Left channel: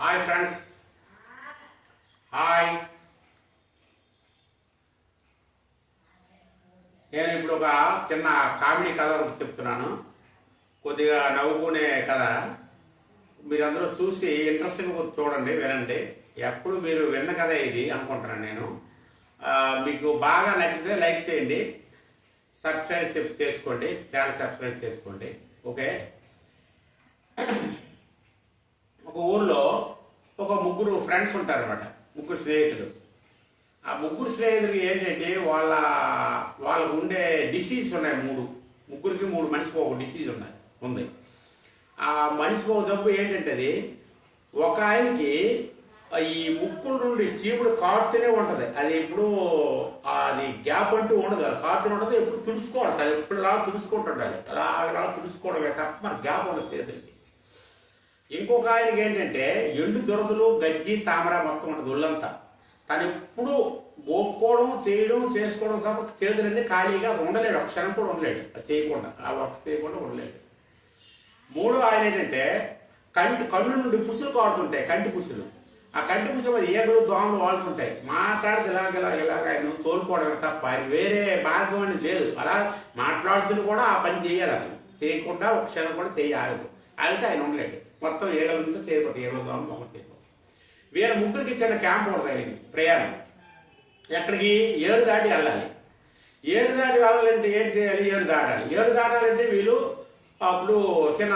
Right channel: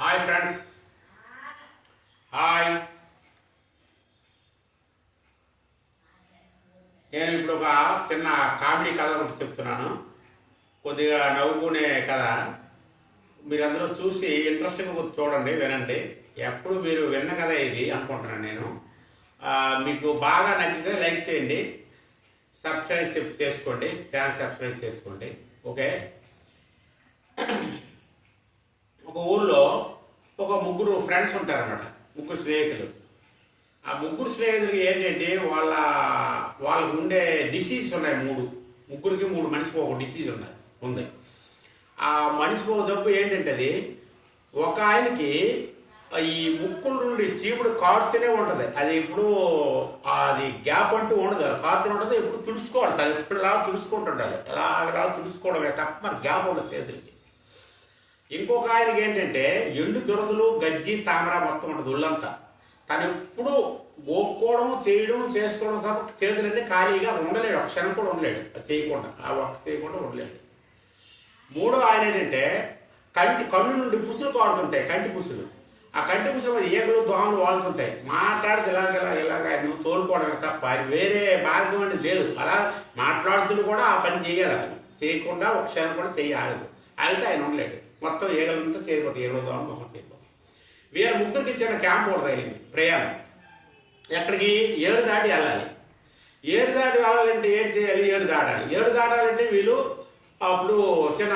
Hi friends, hi. నేను ఇప్పుడు ఒక చిన్న కామెడీ కథ ఒకటి చెప్తున్నాను. కొద్దిగా నవ్వుకునే కథ. మీరందరూ చూసి ఇంట్రెస్టింగ్గా చూడండి, వినండి. ఎప్పుడు మీరు విన్న కథ ఇది అనుకుంటున్నాను నేను. మీకు బాగా నచ్చితే లైక్ చేయండి, సబ్స్క్రైబ్ చేసుకోండి, ఛానల్ సబ్స్క్రైబ్ చేసుకోండి. ఓకే. ఒక ఊళ్ళో ఒక ముగ్గురు ఫ్రెండ్స్ ఉంటారన్నమాట, ముగ్గురు స్నేహితులు. ఆ ముగ్గురు స్నేహితులకి ఏంటంటే వాళ్ళకు ఉండే డిసీజ్ ఉన్నాయి. ముగ్గురికి మనిషికి ఒక డిసీజ్ ఉంది. ఆ మనిషికి ఒక జబ్బు ఏంటంటే ఒక ఆయనకి ఈ ముక్కుల నుండి చీపుడు కారుతూనే ఉంటుంది. అది ఎప్పుడు అది గ్యాప్ అంటూ ఉండదు, కారుతూనే ఉండదు. ఎప్పుడు తుడుచుకోవాలి, అది ఎప్పుడు ఇలా తుడుచుకుంటుండాలి, అలా తుడుచుకోవడమే తప్ప మరి గ్యాప్ ఉండదు చేతులకి. ఇంకొక ఆయనకి ఏంటంటే ఎండు దురదలు, గజ్జి, తామర మొత్తం ఉంటుంది ఒళ్ళంతా. తను ఎప్పుడు గోక్కోవడం, చేసుకోవడం తప్ప చేతులన్నీ ఖాళీగా ఉండలేడు, ఒక క్షణం కూడా ఉండలేడు. ఆ వర్క్ చేయకుండా ఉండలేడు. మూడో ఆయన ఏంటంటే కళ్ళు నుండి పుసులు కారుతుంటాయి, కంటి పుసులు. ఆ కంటి పుసులు మీద ఈగలు, దోమలు వాళ్తుంటాయి. మాట్లాడితే ఇలాగ ఆయన తోలుకోవడమే తప్ప ఆయన వేరే మార్గం అనేది లేదు. అలా మాట్లాడుతూ కూడా ఆ పని చేయాలి. అతను చేయకుండా ఒక క్షణం కూడా ఆగదు. అయితే ఆయన ఉండలేడు. మొత్తం ఏగలంతా చేరిపోతాయి, ఏగలు, దోమలు మొత్తం చేరిపోతాయి. వీళ్ళ ముగ్గురికి చిన్న క్యాంప్ ఉంటుంది అయింది ప్రయాణం. ఎక్కడికి? ఏడు దాటి వెళ్ళాలి. ఏడు దాటి వెళ్ళాలంటే ఏం చేయాలి? ఏడు దాటాలి. ఏడు దాటాలంటే వీళ్ళు అప్పుడు చిన్న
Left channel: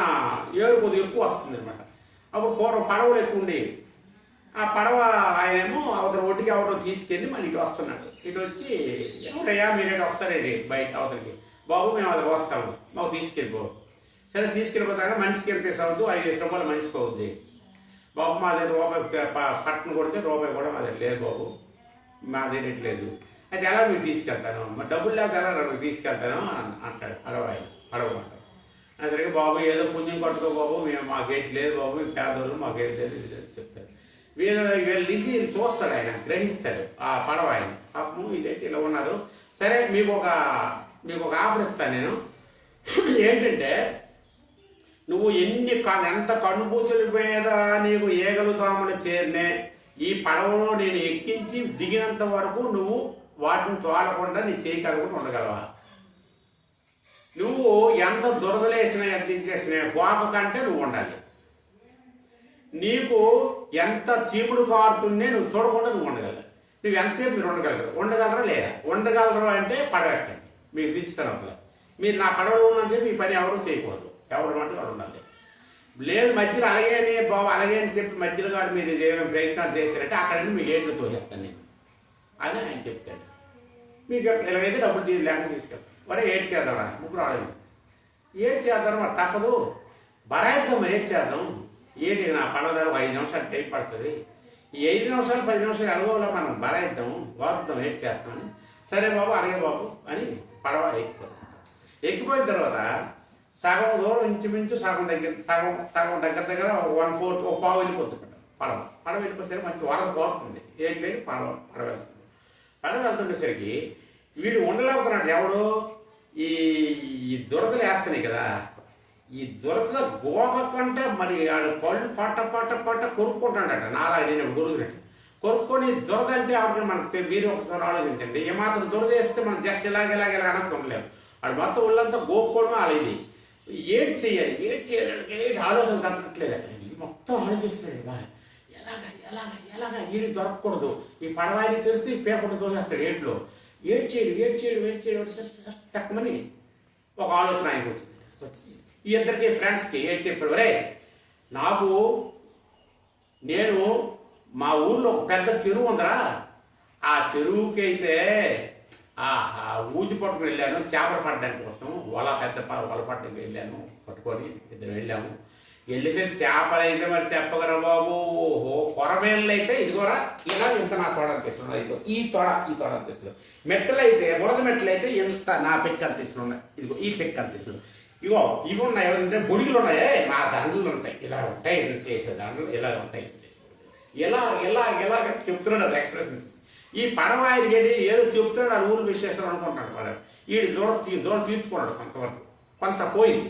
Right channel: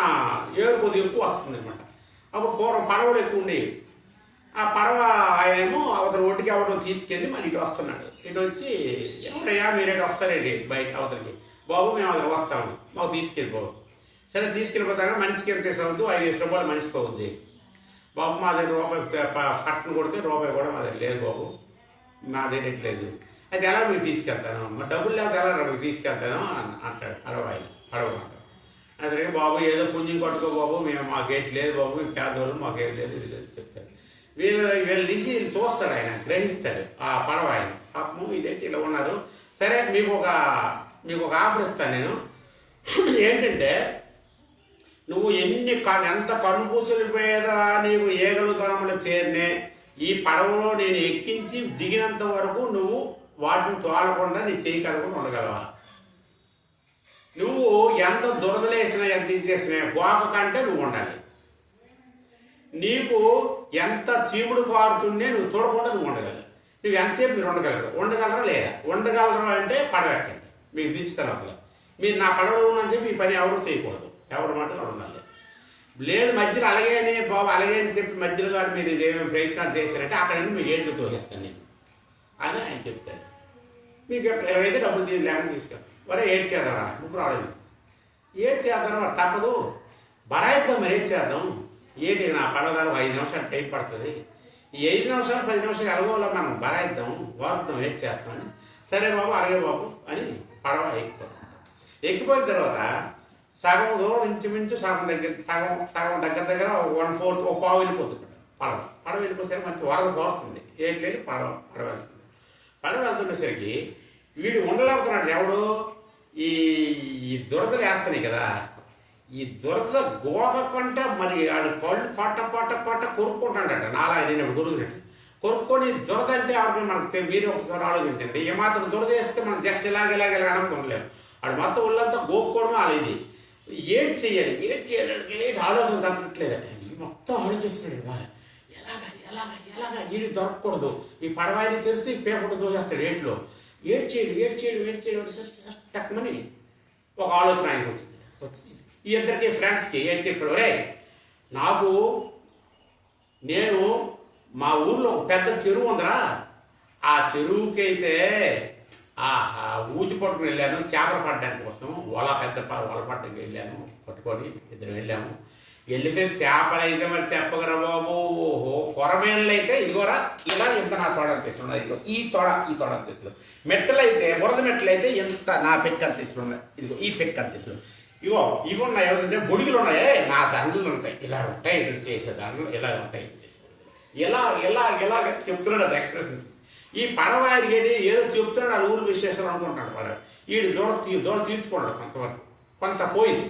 ఏడు కొద్దిగా ఎక్కువ వస్తుంది అనమాట. అప్పుడు పూర్వం పడవలు ఎక్కువ ఉండేవి. ఆ పడవ ఆయనేమో అవతల ఒడ్డుకి ఎవరో తీసుకెళ్ళి మన ఇటు వస్తున్నాడు. ఇటు వచ్చి ఎవరయ్యా మీరేటు వస్తారండి బయట అవతలకి? బాబు మేము అతనికి వస్తాము, మాకు తీసుకెళ్ళిపో. సరే తీసుకెళ్ళిపోతాగా మనిషికి ఎంత ఇస్తావద్దు, 5 రూపాయలు మనిషికి అవుద్ది. బాబు మా దగ్గర రూపాయి పట్టును కొడితే రూపాయి కూడా మా దగ్గర లేదు బాబు, మా దగ్గర లేదు. అయితే ఎలా మీకు తీసుకెళ్తాను, మరి డబ్బులు లేకపోతే ఎలా మీకు తీసుకెళ్తాను అంటాడు అడగమంటాడు. సరే బాబు ఏదో పుణ్యం కొట్టుకో బాబు, మేము మాకేటి లేదు బాబు, మేము పేదవాళ్ళు, మాకేం లేదు, ఇది లేదు చెప్తాడు. వీళ్ళు తీసి చూస్తాడు, ఆయన గ్రహిస్తాడు ఆ పడవ ఆయన. పాపము ఇదైతే ఇలా ఉన్నారు. సరే మీకు ఒక ఆఫర్ ఇస్తాను నేను. ఏంటంటే నువ్వు ఎంత కనుపూసలు మీద నీకు ఏగలు దోమలు చేరినే ఈ పడవలో నేను ఎక్కించి దిగినంత వరకు నువ్వు వాటిని తోలకుండా నీ చేయి కదకుండా ఉండగలవా? నువ్వు ఎంత దురదలేసినా, ఎంత తీసేసినా గోక కంటే నువ్వు ఉండాలి. నీకు ఎంత చీముడు కారుతుండే నువ్వు చూడకుండా నువ్వు ఉండగలవు. నువ్వు ఎంతసేపు మీరు ఉండగలరా లేదా? ఉండగలరు అంటే పడవ ఎక్కండి, మీకు దించుతాను. అసలు మీరు నా పడవలో ఉన్నని చెప్పి ఈ పని ఎవరూ చేయకూడదు, ఎవరు మాట వాళ్ళు ఉండాలి. లేదు మధ్యలో అలాగే అని చెప్పి మధ్యలో గారు మీరు ఇదేమేమి ప్రయత్నాలు చేశారంటే అక్కడ మీ ఏట్లు తోచేస్తాను నేను అని ఆయన చెప్తాడు. మీకు ఇలాగైతే డబ్బులు లేకుండా తీసుకెళ్తాను. మరి ఏడ్ చేద్దామా? ముగ్గురు రాలేదు. ఏడ్ చేద్దాం, మరి తప్పదు, బరాయిద్దాం. మరి ఏడ్ చేద్దాం. ఏంటి నా పడవదారు 5 నిమిషాలు టైం పడుతుంది. ఈ 5 నిమిషాలు 10 నిమిషాలు ఎలాగోలా మనం బరాయిద్దాం, వారుద్దాం, ఏడ్ చేస్తామని. సరే బాబు అలాగే బాబు అని పడవ ఎక్కిపోయిన తర్వాత సగం దూరం ఇంచుమించు సగం దగ్గర 1/4 ఒక పావు వెళ్ళిపోతుంది పడవ వెళ్ళిపోయేసరికి మంచి వరద పోతుంది. ఏం లేదు, పడవ వెళ్తుంది. పడవ వెళ్తుండేసరికి వీడు ఉండలేకపోతున్నాడు. ఎవడు? ఈ దురదలు వేస్తున్నాయి కదా, ఈ దురద గోకంటే మరి పళ్ళు పట్ట కొరుక్కుంటాడట. నేను గురుగునట్టు కొరుక్కొని దురద అంటే ఎవరికి మనకు మీరు ఒకసారి ఆలోచించండి. ఏమాత్రం దురద వేస్తే మనం జస్ట్ ఇలాగ అనుకోలేము. వాడు మొత్తం ఒళ్ళంతా గోక్కోవడమే అలా. ఇది ఏడ్ చేయాలి ఆలోచన తప్పట్లేదట. మొత్తం ఆలోచిస్తున్నాడు, ఎలాగా ఈడి దొరకకూడదు, ఈ పడవాయిని తెలిసి పేపర్ దోచేస్తాడు ఏట్లో. ఏడ్చేయడు తక్కువని ఒక ఆలోచన ఆయనకు వచ్చింది. ఈ ఇద్దరికి ఫ్రెండ్స్కి ఏడ్ చెప్పాడు, రే నేను మా ఊర్లో ఒక పెద్ద చెరువు ఉందరా, ఆ చెరువుకి అయితే ఊచి పట్టుకుని వెళ్ళాను చేపలు పట్టడానికి కోసం. వల పట్టడానికి వెళ్ళాను, పట్టుకొని ఇద్దరు వెళ్ళాము. వెళ్ళేసరికి చేపలు అయితే మరి చెప్పగలరా బాబు, కొరమేళ్ళు అయితే ఇదిగోరా ఇలా ఇంత నా తోడ అనిపిస్తున్నాయి, ఇదిగో ఈ తోడ అనిపిస్తుంది. మెట్టలైతే బురద మెట్టలైతే ఎంత నా పెక్క అనిపిస్తున్నాయి, ఇదిగో ఈ పెక్క అనిపిస్తుంది. ఇవి ఉన్నాయి. ఎవరంటే బొడిగులు ఉన్నాయే, నా దండలు ఉంటాయి, ఇలా ఉంటాయి, చేసే దండలు ఇలా ఉంటాయి. ఎలా చెప్తున్నాడు ఎక్స్ప్రెషన్. ఈ పడవాయికి ఏదో చెప్తున్నాడు ఊరు విశేషం అనుకుంటున్నాడు. వాడు వీడి దూరం తీర్చుకున్నాడు కొంతవరకు. కొంత పోయింది.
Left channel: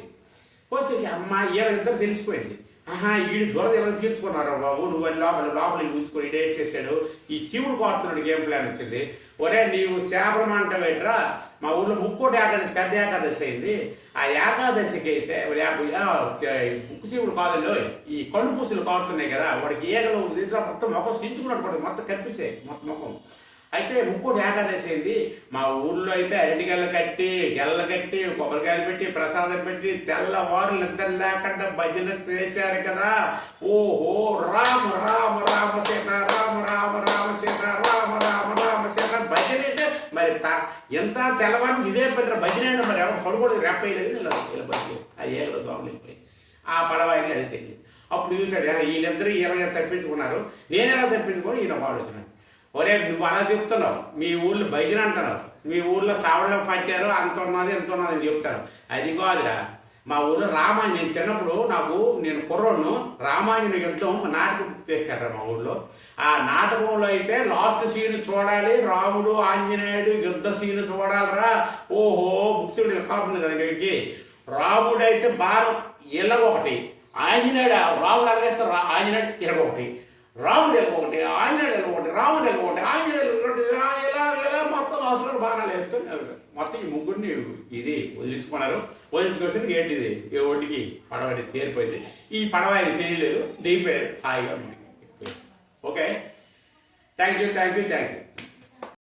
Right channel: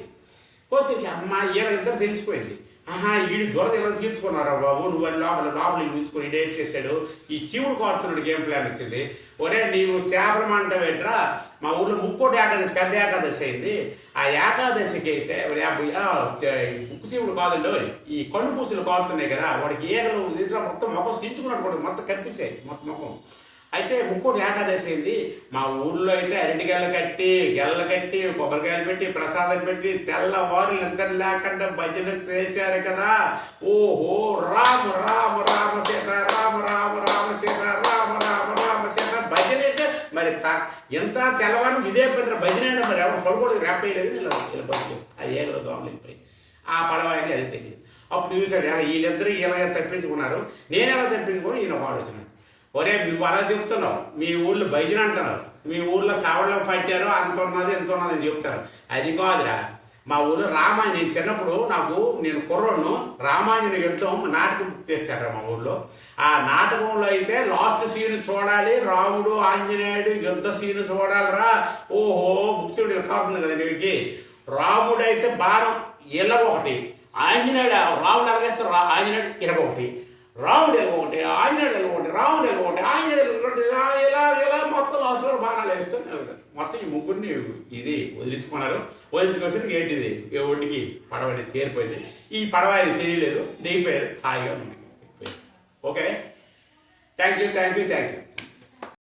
పోసేకి అమ్మ వీళ్ళ ఇద్దరు తెలిసిపోయింది. ఆహా ఈడు దురద ఏమైనా తీర్చుకున్నారా బాబు, నువ్వు అని లోపల ఉంచుకొని డేట్ చేశాడు. ఈ చీవుడు కోరుతున్నాడు గేమ్ ప్లాన్ వచ్చింది. ఒరే నీవు చేపలు మంటం ఏంట్రా, మా ఊర్లో ముక్కోటి ఏకాదశి పెద్ద ఏకాదశి అయింది. ఆ ఏకాదశికి అయితే ముక్కు చీవుడు కాదులో ఈ కళ్ళు పూసలు కారుతున్నాయి కదా, వాడికి ఏగలు మొత్తం మొఖం సించుకున్నట్టు కూడా మొత్తం కనిపిస్తాయి మొత్తం ముఖం. అయితే ముక్కోటి ఏకాదశి అయింది. మా ఊర్లో అయితే అరటిగెల్ల కట్టి గెల్ల కట్టి కొబ్బరికాయలు పెట్టి ప్రసాదం పెట్టి తెల్లవారు నిద్ర లేకుండా భజన చేశారు కదా. ఓహో రామ రామ రామ సీత రామ రామ రామ సీత రామ రామ రామ సీత భజన అంటే మరి ఎంత తెల్లవారు ఇదే పెద్ద భజన అయినా మరి ఎవరు పడుకోవడం రేపయ్యలేదు. ఇలా భజన ఆ ఏలో దోమలిపోయి ఆ పడవాయిని అది తెలియదు. అప్పుడు చూశాడు వీళ్ళిద్దరూ ఇలాగ తప్పించుకున్నారు, నేనెలా తప్పించుకొని ఈయన పాడొచ్చినాను. ఒరే నువ్వు అలా చెప్తున్నావు, మీ ఊర్లో భజన అంటున్నారు, మీ ఊర్లో సావడం పట్టారు అంత ఉన్నది ఎంత ఉన్నది అని చెప్తారు. అది కాదురా, మా ఊరు రామాయణ నేను చిన్నప్పుడు నేను కుర్రోడ్ను రామాయణ యుద్ధం నాటకం చేశారు మా ఊర్లో. ఆ నాటకంలో అయితే లాస్ట్ సీన్ చూడాలి, రాముడు ఆంజనేయుడు యుద్ధ సీన్ చూడాలిరా. ఓహో బుక్సుడు కాకుండా కదా నీకు. రాముడు అయితే భారం ఇలాగొకటి, ఆంజనేయుడు రాముడు అలాగేస్తారు, ఆంజనేయుడు ఇలాగొకటి, రాముడు ఒకటి, ఆంజనేయుడు ఒకటి, రాముడు ఒకటి, ఆంజనేయుడు ఒకటి, ఇలా మొత్తం అవసరం బాణాలు వేసుకొని మొత్తం ఈ ముగ్గురిని ఇది వదిలించుకున్నారు. వదిలించుకోవాల్సింది ఏంటిది ఒడ్డుకి పడవడి చేరిపోయింది. ఈ పడవ ఆయన తెలియలేదు, దిగిపోయారు హాయిగా. Okay, thank you.